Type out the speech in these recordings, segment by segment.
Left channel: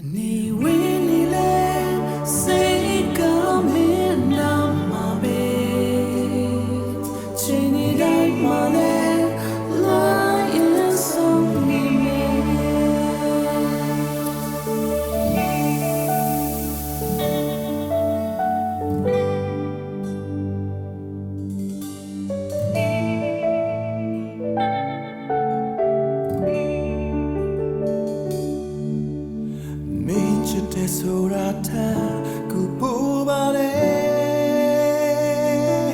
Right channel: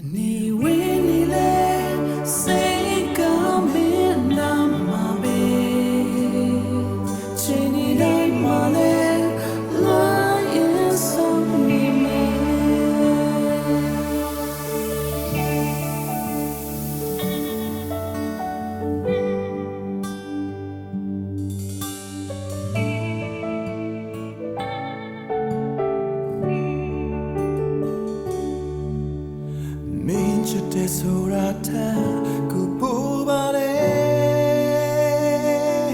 နေဝင်းနေလေစိတ်ကမင်းနာမှာပဲချိန်နေတိုင်းမှာလေ ချစ်တဲ့ဆိုတာထားကိုပူပါတယ်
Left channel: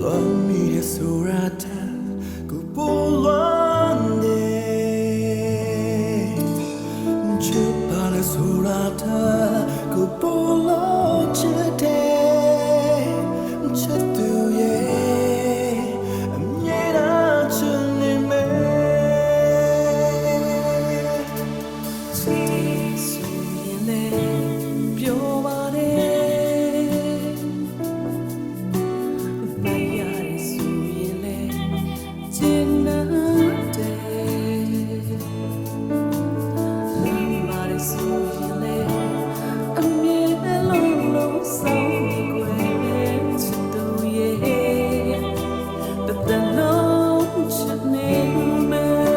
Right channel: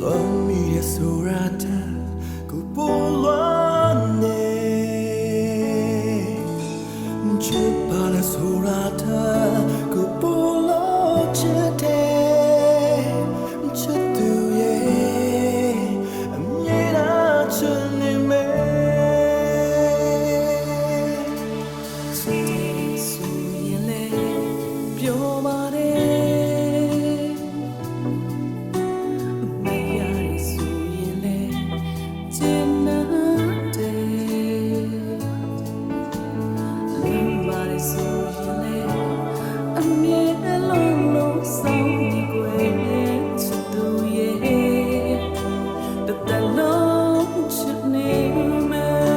လွန်မီတဲ့ဆိုတာထားကိုပူလွန်နေချစ်ပါလေဆိုတာထားကိုပူလို့ချစ်တယ်ချစ်သူရဲ့ ပြောပါတယ်မရရဆိုရင်လေကျင်နာတယ်လမ်းပါရဆိုရင်လေအမြဲလုံးလုံးဆောင်နေကွယ်ချစ်သူရဲ့တတလုံးချစ်နေမယ်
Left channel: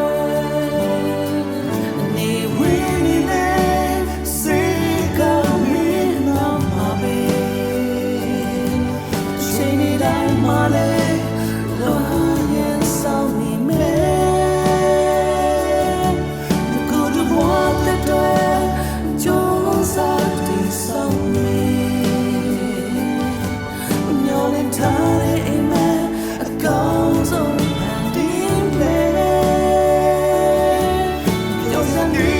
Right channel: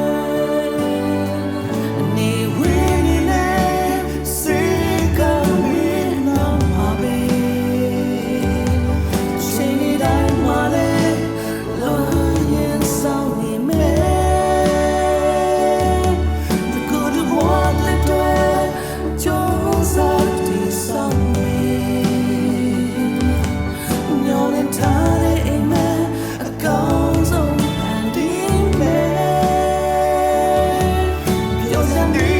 င်းထားတဲ့အိမ်မှာအကောင်းဆုံးဖန်တီးမယ်ပြောစနေ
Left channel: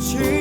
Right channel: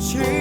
情。